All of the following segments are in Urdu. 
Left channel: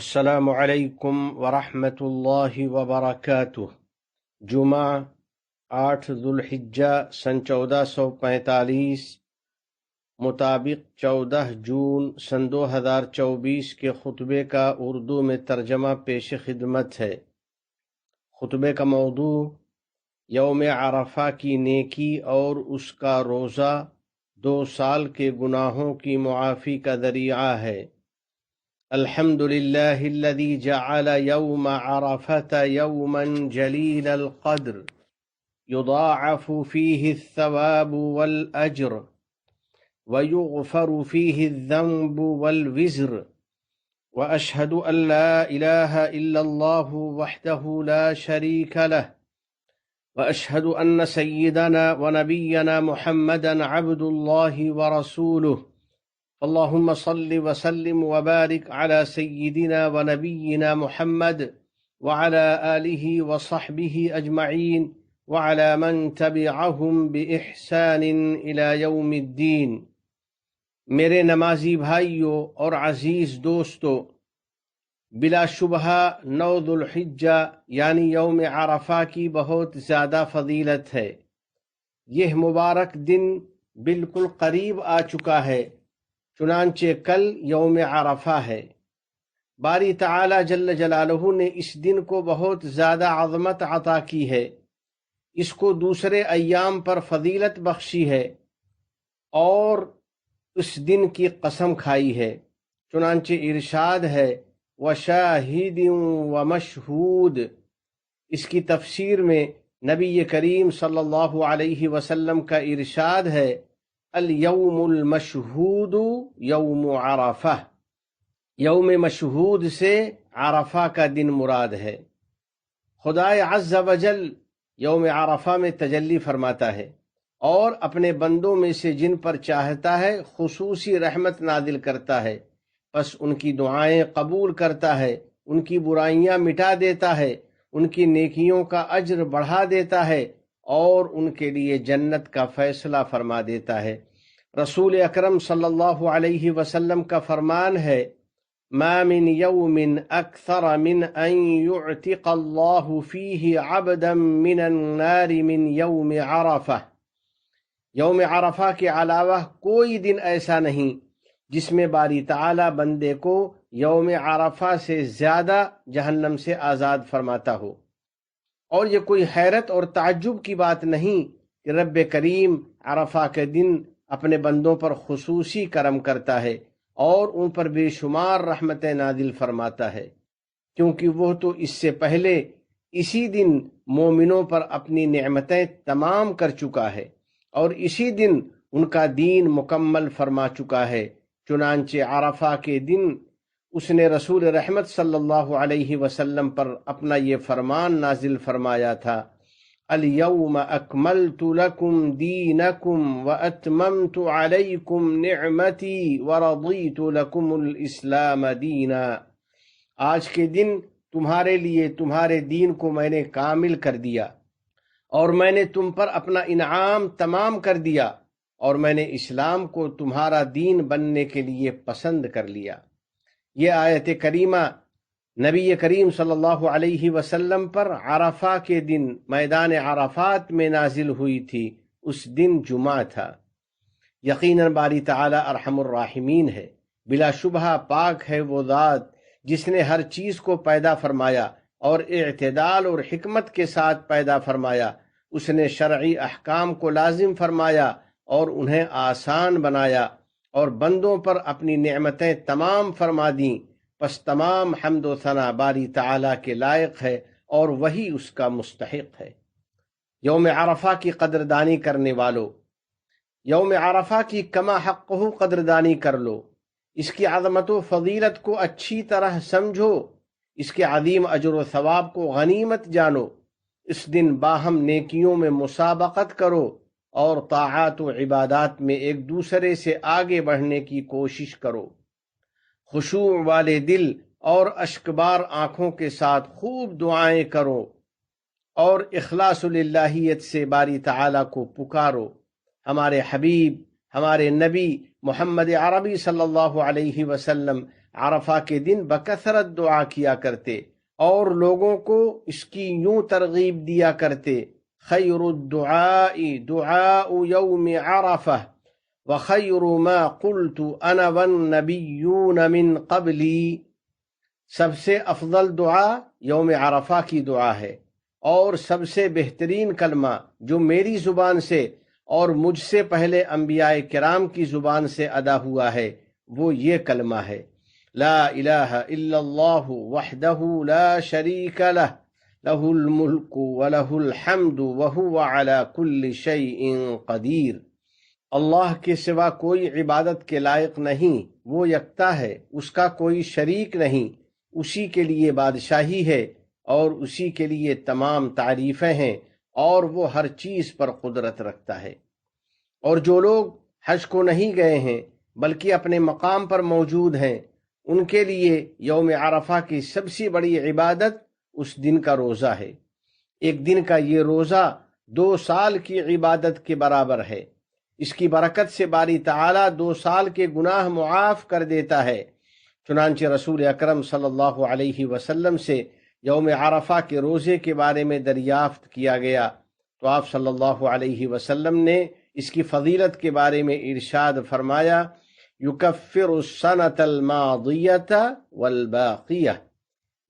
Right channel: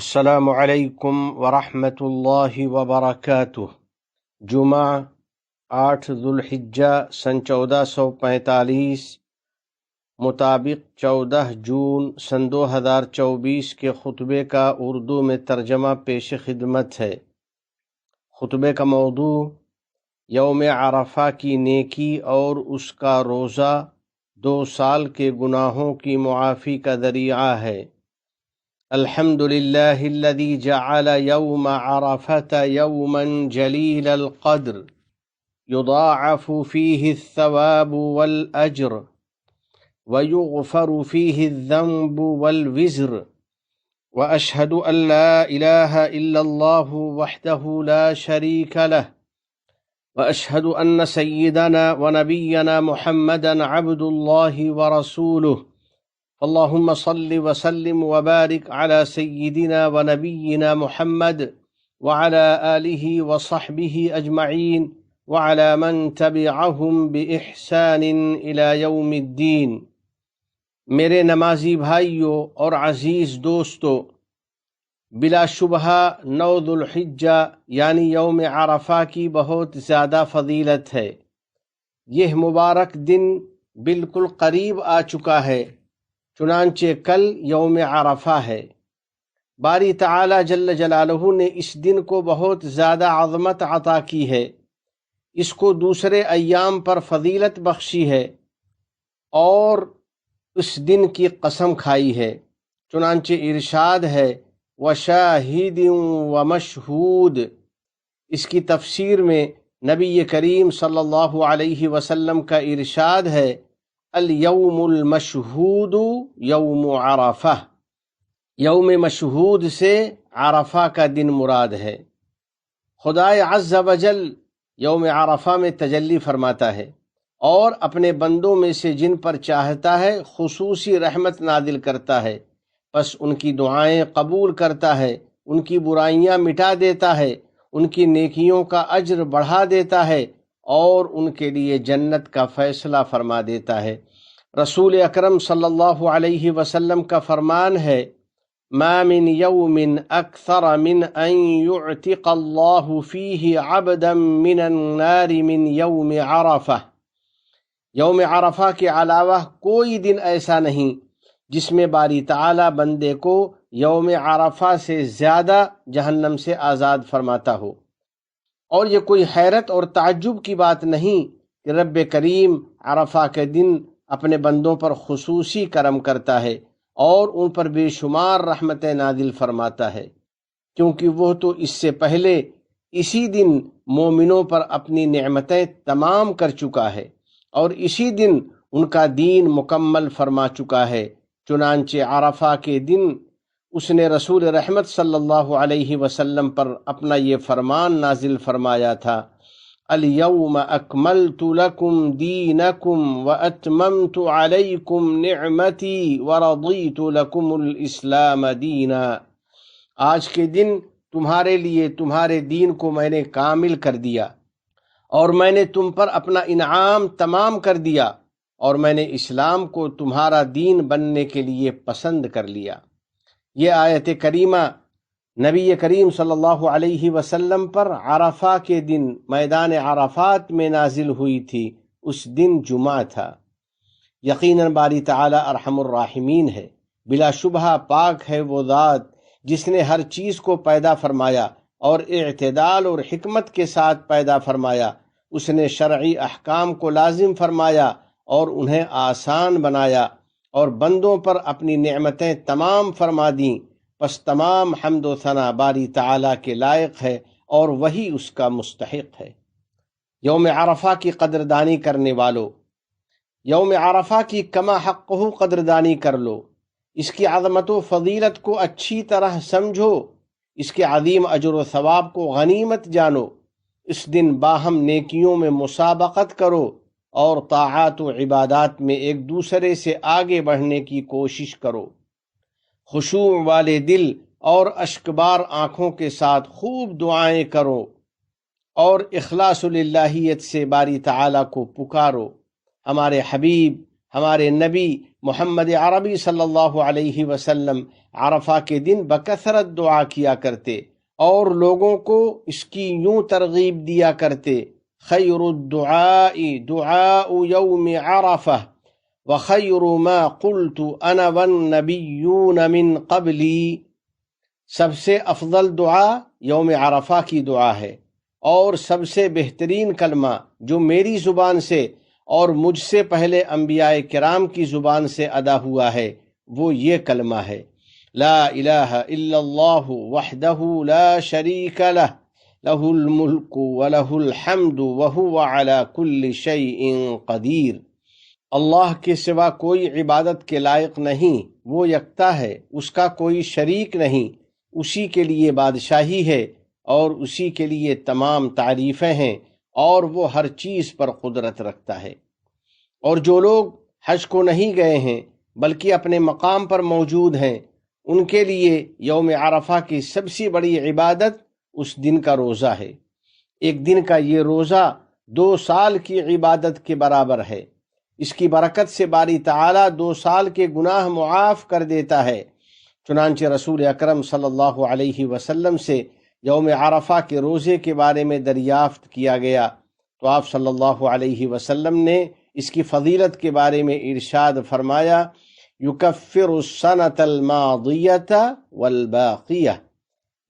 السلام علیکم ورحمۃ اللہ وبرکاتہ۔ جمعہ 8 ذوالحجہ سن 1445 مطابق 14 جون سن 2024 کے خطبے کا اردو میں ترجمہ پیش خدمت ہے۔ خطبے کا موضوع یوم عرفہ کی نیکی اور اس کا روزہ 2 سال کے گناہوں کی معافی کا ذریعہ ہے۔ الحمد لله الذي جعل يوم عرفة يوما جليل القدر يضاعف فيه الثواب والأجر ويغفر فيه الذنب والوزر، وأشهد أن لا إله إلا الله وحده لا شريك له، وأشهد أن سيدنا ونبينا محمدا عبد الله ورسوله، اللهم صل وسلم وبارك على سيدنا ونبينا محمد وعلى آله وصحبه أجمعين وعلى من تبعهم بإحسان إلى يوم الدين۔ میرے نمازی بھائیوں اور عزیز دوستو، بلا شبہ 9 ذوالحجہ یعنی یوم عرفہ کی بہت زیادہ فضیلت ہے۔ یہ مبارک دن بالکل قریب آ چکا ہے، چنانچہ کل یوم عرفہ ہے۔ باری تعالی جل جلالہ نے اس دن کو بہت زیادہ عظمت عطا کی ہے، اس کو دوسرے ایام پر فضیلت بخشی ہے اور اس دن کی قسم کھائی ہے۔ چنانچہ ارشاد ہے وَشَاهِدٍ وَمَشْهُودٍ۔ اس کی تفسیر میں نبی کریم صلی اللہ علیہ وسلم کا ارشاد ہے الیوم المشہود یوم عرفہ۔ یوم مشہود سے عرفہ کا دن مراد ہے۔ خدائے عز و جل یوم عرفہ میں تجلی فرماتا ہے اور اپنے بندوں میں سے جن پر چاہتا ہے خصوصی رحمت نازل کرتا ہے، پس ان کی دعائیں قبول کرتا ہے، ان کی برائیاں مٹا دیتا ہے، ان کی نیکیوں کا اجر بڑھا دیتا ہے اور ان کے لیے جنت کا فیصلہ فرما دیتا ہے۔ رسول اکرم صلی اللہ علیہ وسلم کا فرمان ہے ما من یوم اکثر من ان یعتق اللہ فیہ عبدا من النار من یوم عرفہ۔ یوم عرفہ کے علاوہ کوئی دن ایسا نہیں جس میں باری تعالی بندے کو یوم عرفہ سے زیادہ جہنم سے آزاد فرماتا ہو۔ اور یہ کوئی حیرت اور تعجب کی بات نہیں کہ رب کریم عرفہ کے دن اپنے بندوں پر خصوصی کرم کرتا ہے اور ان پر بے شمار رحمتیں نازل فرماتا ہے، کیونکہ وہ تو اس سے پہلے اسی دن مومنوں پر اپنی نعمتیں تمام کر چکا ہے اور اسی دن ان کا دین مکمل فرما چکا ہے۔ چنانچہ عرفہ کے دن اس نے رسول رحمت صلی اللہ علیہ وسلم پر اپنا یہ فرمان نازل فرمایا تھا الیوم اکملت لکم دینکم واتممت علیکم نعمتی ورضیت لکم الاسلام دینا۔ آج کے دن تمہارے لیے تمہارے دین کو میں نے کامل کر دیا اور میں نے تم پر اپنا انعام تمام کر دیا اور میں نے اسلام کو تمہارا دین بننے کے لیے پسند کر لیا۔ یہ آیت کریمہ نبی کریم صلی اللہ علیہ وسلم پر عرفہ کے دن میدان عرفات میں نازل ہوئی تھی۔ اس دن جمعہ تھا۔ یقیناً باری تعالی ارحم الراحمین ہے، بلا شبہ پاک ہے وہ ذات جس نے ہر چیز کو پیدا فرمایا اور اعتدال اور حکمت کے ساتھ پیدا فرمایا۔ اس نے شرعی احکام کو لازم فرمایا اور انہیں آسان بنایا اور بندوں پر اپنی نعمتیں تمام فرما دیں، پس تمام حمد و ثنا باری تعالیٰ کے لائق ہے اور وہی اس کا مستحق ہے۔ یوم عرفہ کی قدردانی کرنے والو، یوم عرفہ کی کما حقہ قدردانی کر لو، اس کی عظمت و فضیلت کو اچھی طرح سمجھو، اس کے عظیم اجر و ثواب کو غنیمت جانو۔ اس دن باہم نیکیوں میں مسابقت کرو اور طاعات و عبادات میں ایک دوسرے سے آگے بڑھنے کی کوشش کرو۔ خشوع والے دل اور اشکبار آنکھوں کے ساتھ خوب دعائیں کرو اور اخلاص للہیت سے باری تعالیٰ کو پکارو۔ ہمارے حبیب، ہمارے نبی محمد عربی صلی اللہ علیہ وسلم عرفہ کے دن بکثرت دعا کیا کرتے اور لوگوں کو اس کی یوں ترغیب دیا کرتے، خیر الدعاء دعاء یوم عرفہ وخیر ما قلت انا والنبیون من قبلی، سب سے افضل دعا یوم عرفہ کی دعا ہے، اور سب سے بہترین کلمہ جو میری زبان سے اور مجھ سے پہلے انبیاء کرام کی زبان سے ادا ہوا ہے وہ یہ کلمہ ہے، لا الہ الا اللہ وحدہ لا شریک لہ لہ الملک ولہ الحمد وہو علی کل شیء قدیر۔ اللہ کے سوا کوئی عبادت کے لائق نہیں، وہ یکتا ہے، اس کا کوئی شریک نہیں، اسی کے لیے بادشاہی ہے اور اسی کے لیے تمام تعریفیں ہیں، اور وہ ہر چیز پر قدرت رکھتا ہے۔ اور جو لوگ حج کو نہیں گئے ہیں بلکہ اپنے مقام پر موجود ہیں، ان کے لیے یوم عرفہ کی سب سے بڑی عبادت اس دن کا روزہ ہے۔ ایک دن کا یہ روزہ 2 سال کی عبادت کے برابر ہے۔ اس کی برکت سے باری تعالیٰ 2 سال کے گناہ معاف کر دیتا ہے۔ چنانچہ رسول اکرم صلی اللہ علیہ وسلم سے یوم عرفہ کے روزے کے بارے میں دریافت کیا گیا تو آپ صلی اللہ علیہ وسلم نے اس کی فضیلت کے بارے میں ارشاد فرمایا، یکفر السنۃ الماضیۃ والباقیہ،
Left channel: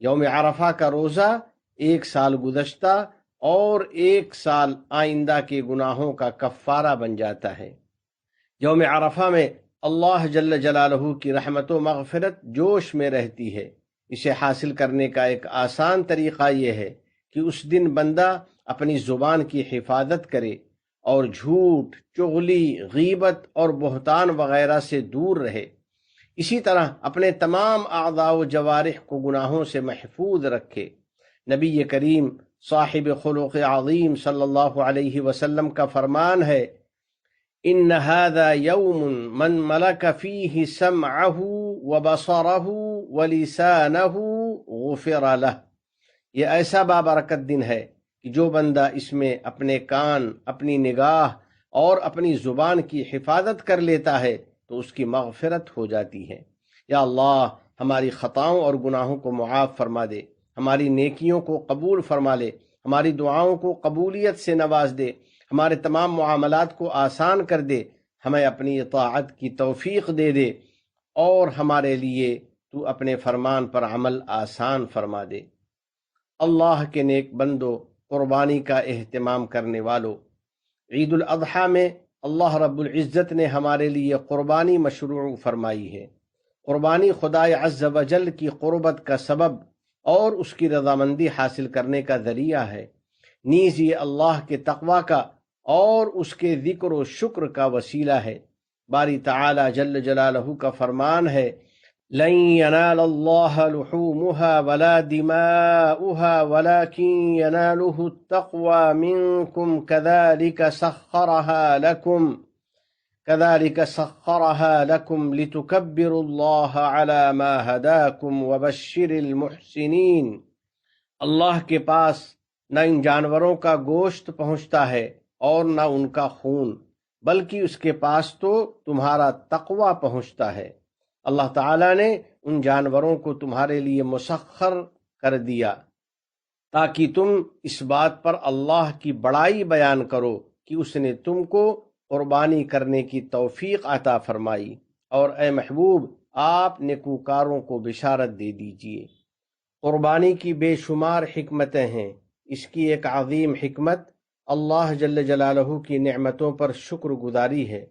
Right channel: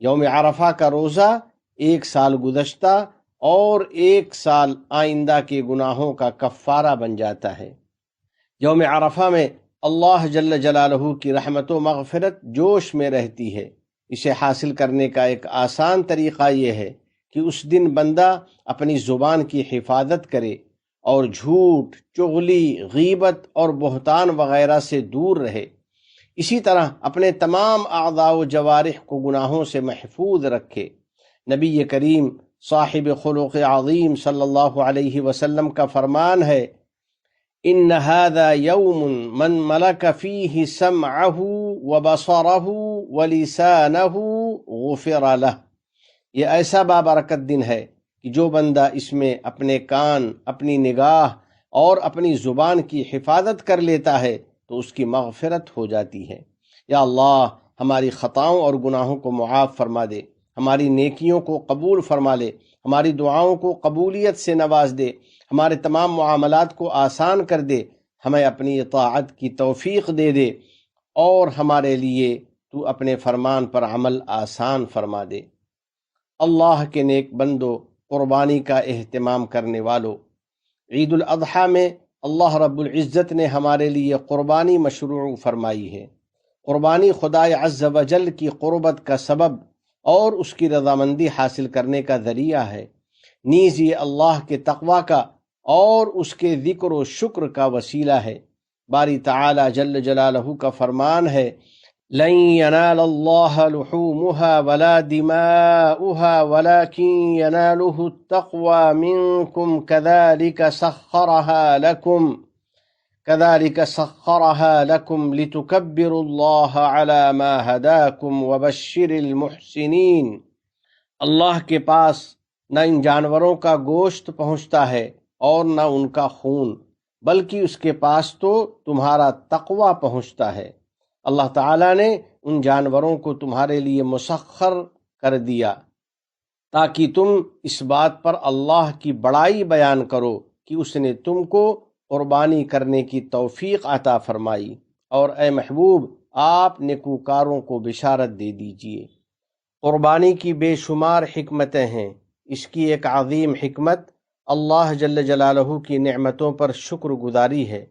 یوم عرفہ کا روزہ 1 سال گزشتہ اور 1 سال آئندہ کے گناہوں کا کفارہ بن جاتا ہے۔ یوم عرفہ میں اللہ جل جلالہ کی رحمت و مغفرت جوش میں رہتی ہے۔ اسے حاصل کرنے کا ایک آسان طریقہ یہ ہے کہ اس دن بندہ اپنی زبان کی حفاظت کرے اور جھوٹ، چغلی، غیبت اور بہتان وغیرہ سے دور رہے۔ اسی طرح اپنے تمام اعضاء و جوارح کو گناہوں سے محفوظ رکھے۔ نبی کریم صاحب خلق عظیم صلی اللہ علیہ وسلم کا فرمان ہے، ان هذا یوم من ملک فیہ سمعہ وبصرہ ولسانہ غفر لہ، یہ ایسا بابرکت دن ہے کہ جو بندہ اس میں اپنے کان، اپنی نگاہ اور اپنی زبان کی حفاظت کر لیتا ہے تو اس کی مغفرت ہو جاتی ہے۔ یا اللہ ہماری خطاؤں اور گناہوں کو معاف فرما دے، ہماری نیکیوں کو قبول فرما لے، ہماری دعاؤں کو قبولیت سے نواز دے، ہمارے تمام معاملات کو آسان کر دے، ہمیں اپنی اطاعت کی توفیق دے دے، اور ہمارے لیے تو اپنے فرمان پر عمل آسان فرما دے۔ اللہ کے نیک بندو، قربانی کا اہتمام کرنے والو، عید الاضحیٰ میں اللہ رب العزت نے ہمارے لیے قربانی مشروع فرمائی ہے۔ قربانی خدائے عز و جل کی قربت کا سبب اور اس کی رضامندی حاصل کرنے کا ذریعہ ہے، نیز یہ اللہ کے تقوی کا اور اس کے ذکر و شکر کا وسیلہ ہے۔ باری تعالی جل جلالہ کا فرمان ہے، لن ينال الله لحومها ولا دماؤها ولكن يناله التقوى منكم كذلك سخرها لكم لتكبروا الله على ما هداكم وبشر المحسنين۔ اللہ کے پاس نہ ان جانوروں کا گوشت پہنچتا ہے اور نہ ان کا خون، بلکہ اس کے پاس تو تمہارا تقوی پہنچتا ہے۔ اللہ تعالیٰ نے ان جانوروں کو تمہارے لیے مسخر کر دیا تاکہ تم اس بات پر اللہ کی بڑائی بیان کرو کہ اس نے تم کو قربانی کرنے کی توفیق عطا فرمائی، اور اے محبوب آپ نیکوکاروں کو بشارت دے دیجیے۔ قربانی کی بے شمار حکمتیں ہیں۔ اس کی ایک عظیم حکمت اللہ جل جلالہ کی نعمتوں پر شکر گزاری ہے۔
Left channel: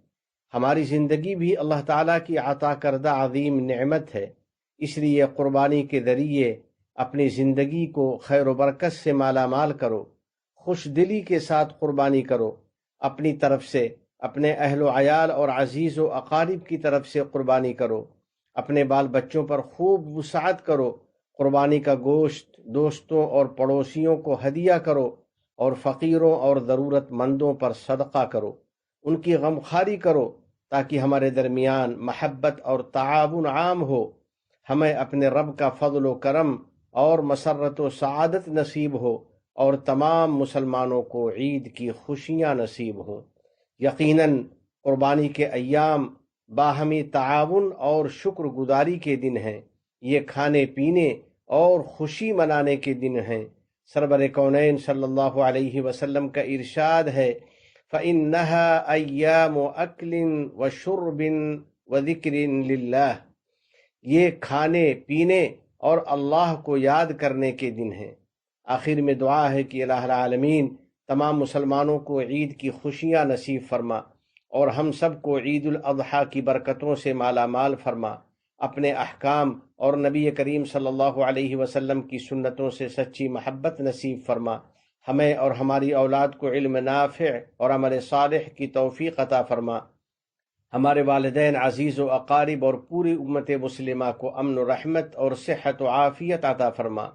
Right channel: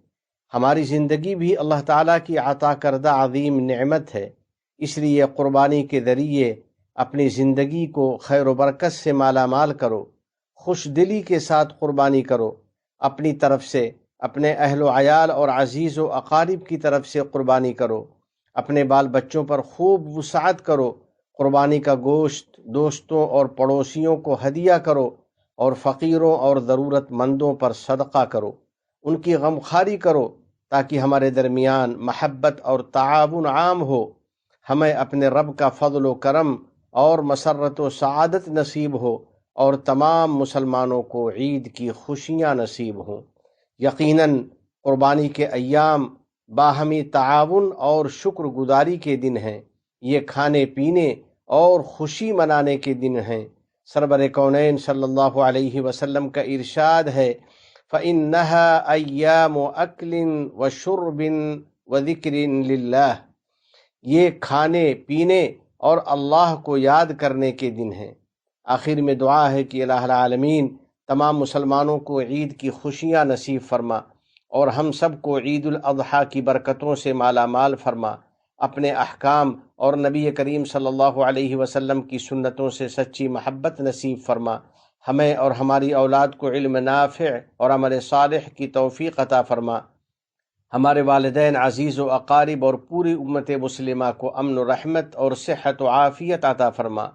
ہماری زندگی بھی اللہ تعالیٰ کی عطا کردہ عظیم نعمت ہے، اس لیے قربانی کے ذریعے اپنی زندگی کو خیر و برکت سے مالا مال کرو، خوش دلی کے ساتھ قربانی کرو، اپنی طرف سے، اپنے اہل و عیال اور عزیز و اقارب کی طرف سے قربانی کرو، اپنے بال بچوں پر خوب وسعت کرو، قربانی کا گوشت دوستوں اور پڑوسیوں کو ہدیہ کرو، اور فقیروں اور ضرورت مندوں پر صدقہ کرو، ان کی غمخواری کرو تاکہ ہمارے درمیان محبت اور تعاون عام ہو، ہمیں اپنے رب کا فضل و کرم اور مسرت و سعادت نصیب ہو، اور تمام مسلمانوں کو عید کی خوشیاں نصیب ہوں۔ یقیناً قربانی کے ایام باہمی تعاون اور شکر گزاری کے دن ہیں۔ یہ کھانے پینے اور خوشی منانے کے دن ہیں۔ سرور کونین صلی اللہ علیہ وسلم کا ارشاد ہے فَإِنَّهَا أَيَّامُ أَكْلٍ وَشُرْبٍ وَذِكْرٍ لِلَّهِ، یہ کھانے پینے اور اللہ کو یاد کرنے کے دن ہیں۔ آخر میں دعا ہے کہ الہ العالمین تمام مسلمانوں کو عید کی خوشیاں نصیب فرما اور ہم سب کو عید الاضحیٰ کی برکتوں سے مالا مال فرما، اپنے احکام اور نبی کریم صلی اللہ علیہ وسلم کی سنتوں سے سچی محبت نصیب فرما، ہمیں اور ہماری اولاد کو علم نافع اور عمل صالح کی توفیق عطا فرما، ہمارے والدین عزیز و اقارب اور پوری امت مسلمہ کو امن و رحمت اور صحت و عافیت عطا فرما،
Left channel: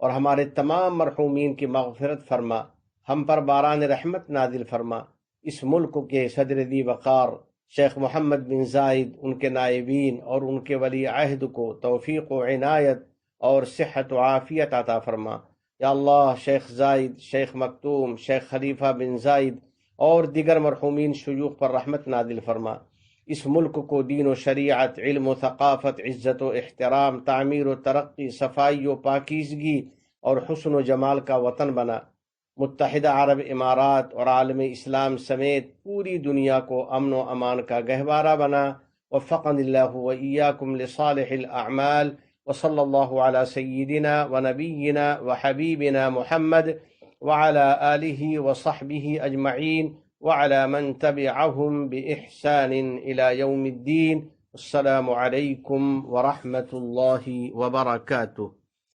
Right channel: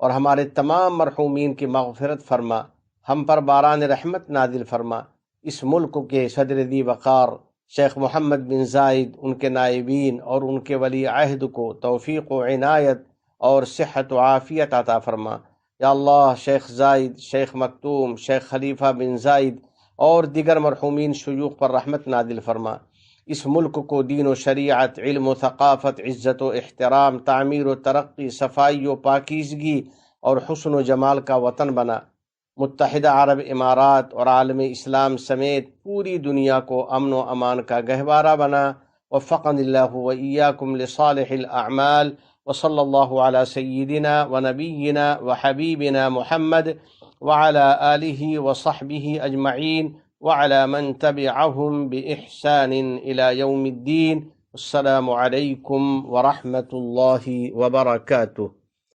اور ہمارے تمام مرحومین کی مغفرت فرما، ہم پر باران رحمت نازل فرما۔ اس ملک کے صدر دی وقار شیخ محمد بن زائد، ان کے نائبین اور ان کے ولی عہد کو توفیق و عنایت اور صحت و عافیت عطا فرما۔ یا اللہ، شیخ زائد، شیخ مکتوم، شیخ خلیفہ بن زائد اور دیگر مرحومین شیوخ پر رحمت نازل فرما۔ اس ملک کو دین و شریعت، علم و ثقافت، عزت و احترام، تعمیر و ترقی، صفائی و پاکیزگی اور حسن و جمال کا وطن بنا۔ متحدہ عرب امارات اور عالم اسلام سمیت پوری دنیا کو امن و امان کا گہوارہ بنا۔ وفقنا اللہ و ایاکم لصالح الاعمال، وصلی اللہ علی سیدنا و نبینا و حبیبنا محمد وعلی آلہ وصحبہ اجمعین وعلى من تبعهم بإحسان إلى يوم الدين۔ السلام عليكم ورحمة الله وبركاته۔